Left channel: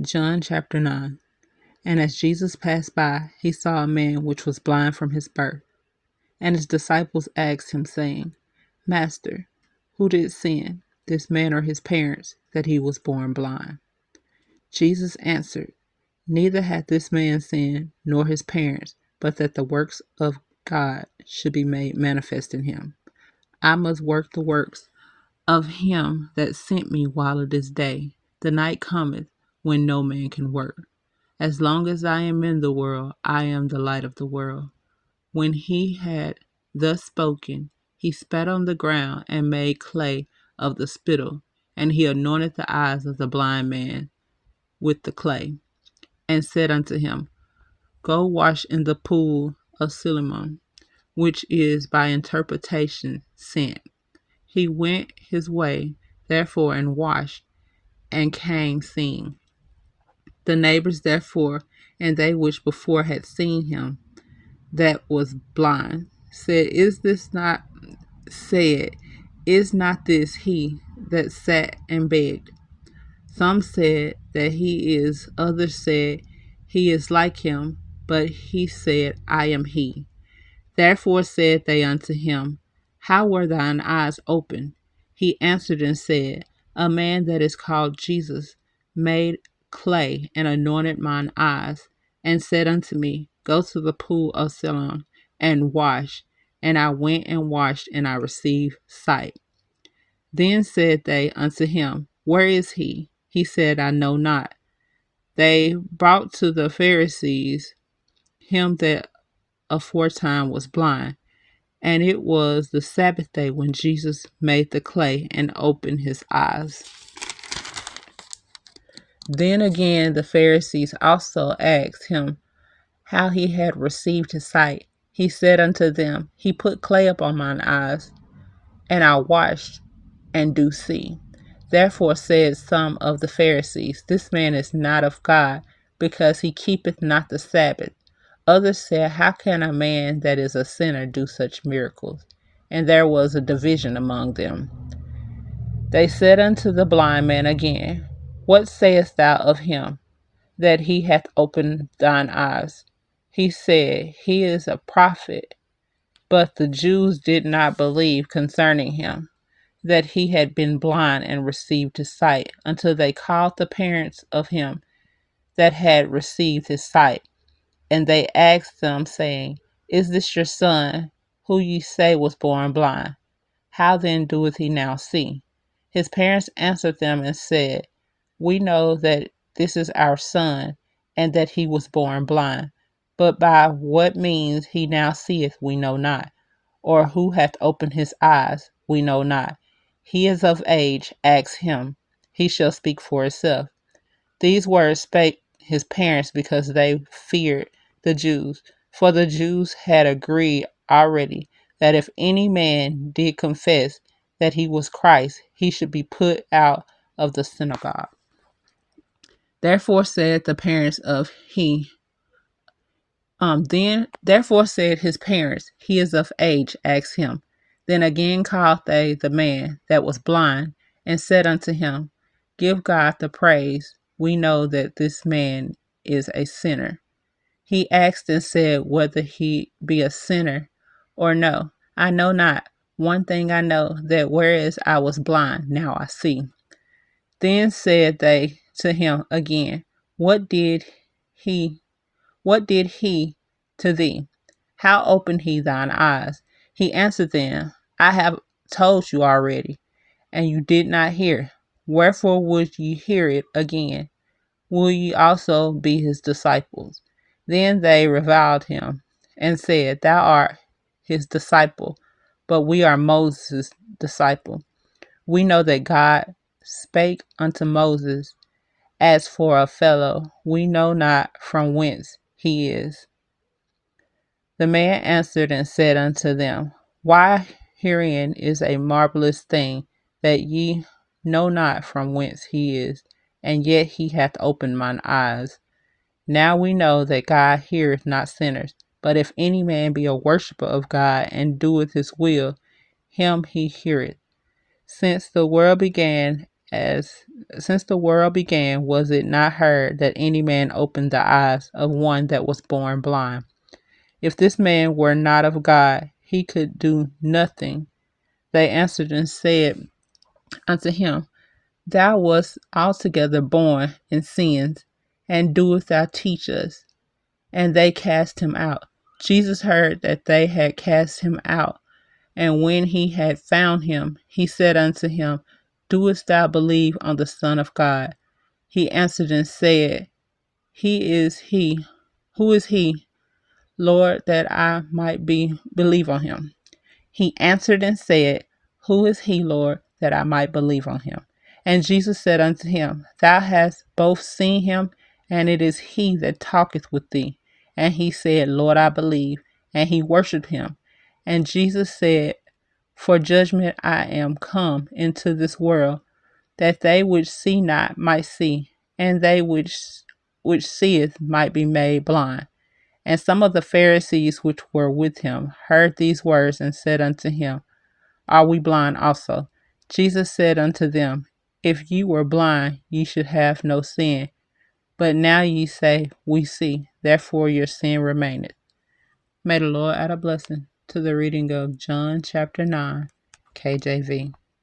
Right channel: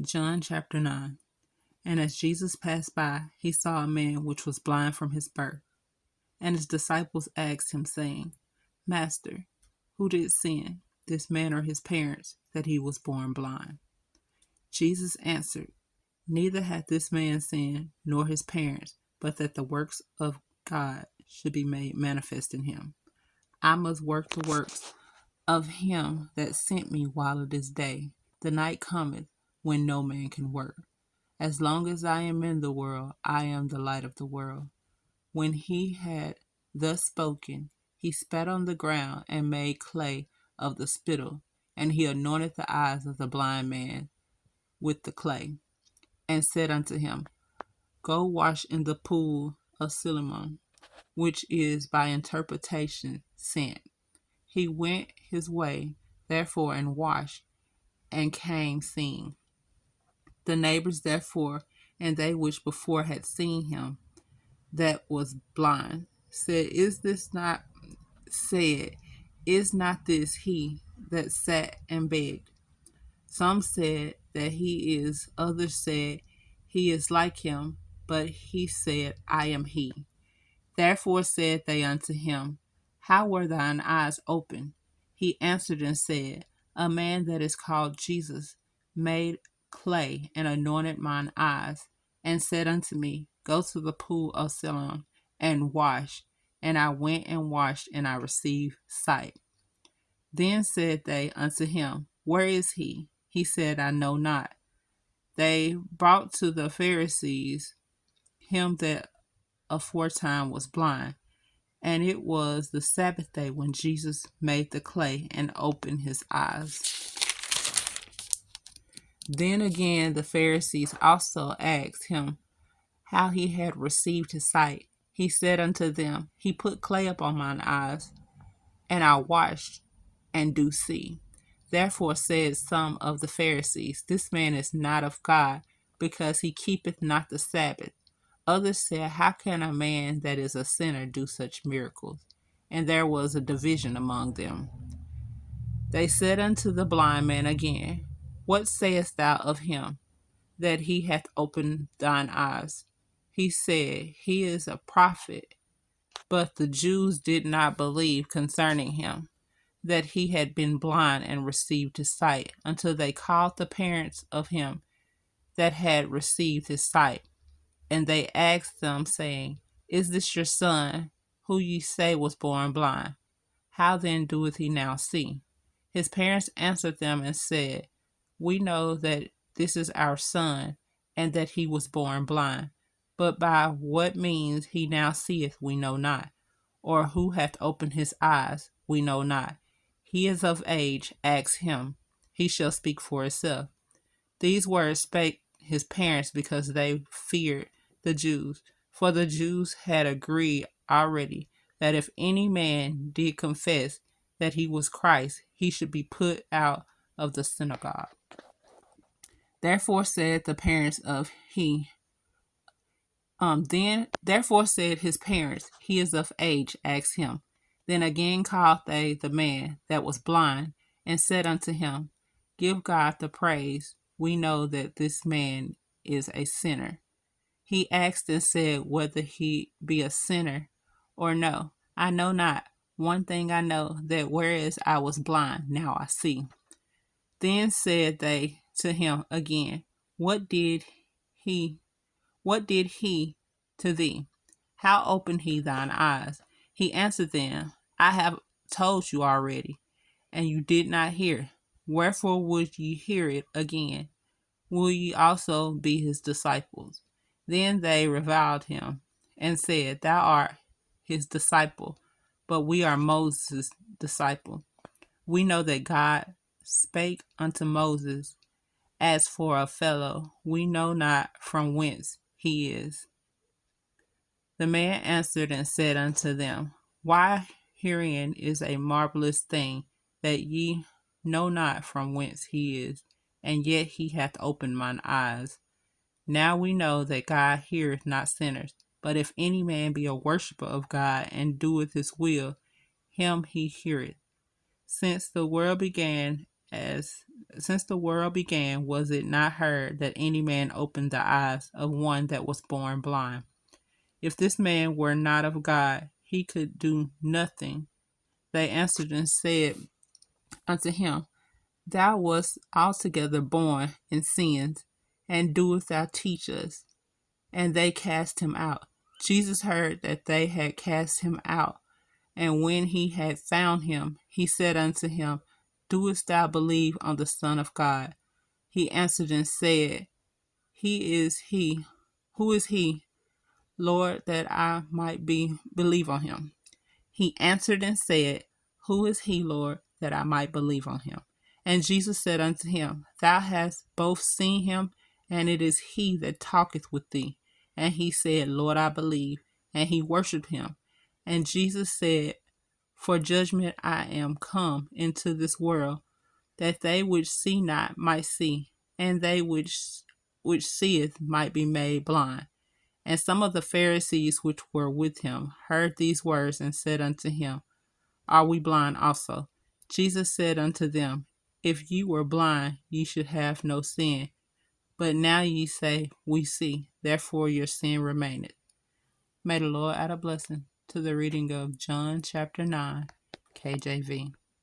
John chapter 9. And as Jesus passed by, he saw a man which was blind from his birth. And his disciples asked him, saying, Master, who did sin, this man or his parents, that he was born blind? Jesus answered, Neither hath this man sinned, nor his parents, but that the works of God should be made manifest in him. I must work the works of him that sent me while it is day. The night cometh when no man can work. As long as I am in the world, I am the light of the world. When he had thus spoken, he spat on the ground and made clay of the spittle, and he anointed the eyes of the blind man with the clay, and said unto him, Go wash in the pool of Siloam, which is by interpretation sent. He went his way, therefore, and washed, and came seeing. The neighbors, therefore, and they which before had seen him that was blind, said, Is not this he that sat and begged? Some said that he is, others said he is like him, but he said, I am he. Therefore said they unto him, How were thine eyes opened? He answered and said, A man that is called Jesus made clay and anointed mine eyes, and said unto me, Go to the pool of Siloam and wash. And I went and washed, and I received sight. Then said they unto him, Where is he? He said, I know not. They brought to the Pharisees him that aforetime was blind. And it was the Sabbath day when Jesus made the clay and opened his eyes. Then again the Pharisees also asked him how he had received his sight. He said unto them, He put clay upon mine eyes, and I washed, and do see. Therefore said some of the Pharisees, This man is not of God, because he keepeth not the Sabbath. Others said, How can a man that is a sinner do such miracles? And there was a division among them. They said unto the blind man again, What sayest thou of him, that he hath opened thine eyes? He said, He is a prophet. But the Jews did not believe concerning him, that he had been blind and received his sight, until they called the parents of him that had received his sight. And they asked them, saying, Is this your son, who ye say was born blind? How then doeth he now see? His parents answered them and said, We know that this is our son, and that he was born blind. But by what means he now seeth we know not, or who hath opened his eyes we know not. He is of age, ask him. He shall speak for himself. These words spake his parents because they feared the Jews. For the Jews had agreed already that if any man did confess that he was Christ, he should be put out of the synagogue. Therefore said the parents of therefore said his parents, He is of age, ask him. Then again called they the man that was blind, and said unto him, Give God the praise. We know that this man is a sinner. He asked and said whether he be a sinner or no. I know not. One thing I know, that whereas I was blind, now I see. Then said they to him again, What did he to thee? How opened he thine eyes? He answered them, I have told you already, and you did not hear. Wherefore would ye hear it again? Will ye also be his disciples? Then they reviled him, and said, Thou art his disciple, but we are Moses' disciple. We know that God spake unto Moses. As for a fellow, we know not from whence he is. The man answered and said unto them, Why, herein is a marvelous thing, that ye know not from whence he is, and yet he hath opened mine eyes. Now we know that God heareth not sinners, but if any man be a worshipper of God, and doeth his will, him he heareth. Since the world began, as since the world began, was it not heard that any man opened the eyes of one that was born blind? If this man were not of God, he could do nothing. They answered and said unto him, Thou wast altogether born in sins, and doest thou teach us? And they cast him out. Jesus heard that they had cast him out, and when he had found him, he said unto him, Doest thou believe on the Son of God? He answered and said, He is he. Who is he, Lord, that I might believe on him? He answered and said, Who is he, Lord, that I might believe on him? And Jesus said unto him, Thou hast both seen him, and it is he that talketh with thee. And he said, Lord, I believe. And he worshipped him. And Jesus said, For judgment I am come into this world, that they which see not might see, and they which seeth might be made blind. And some of the Pharisees which were with him heard these words and said unto him, Are we blind also? Jesus said unto them, If ye were blind, ye should have no sin. But now ye say, We see, therefore your sin remaineth. May the Lord add a blessing to the reading of John chapter 9, KJV.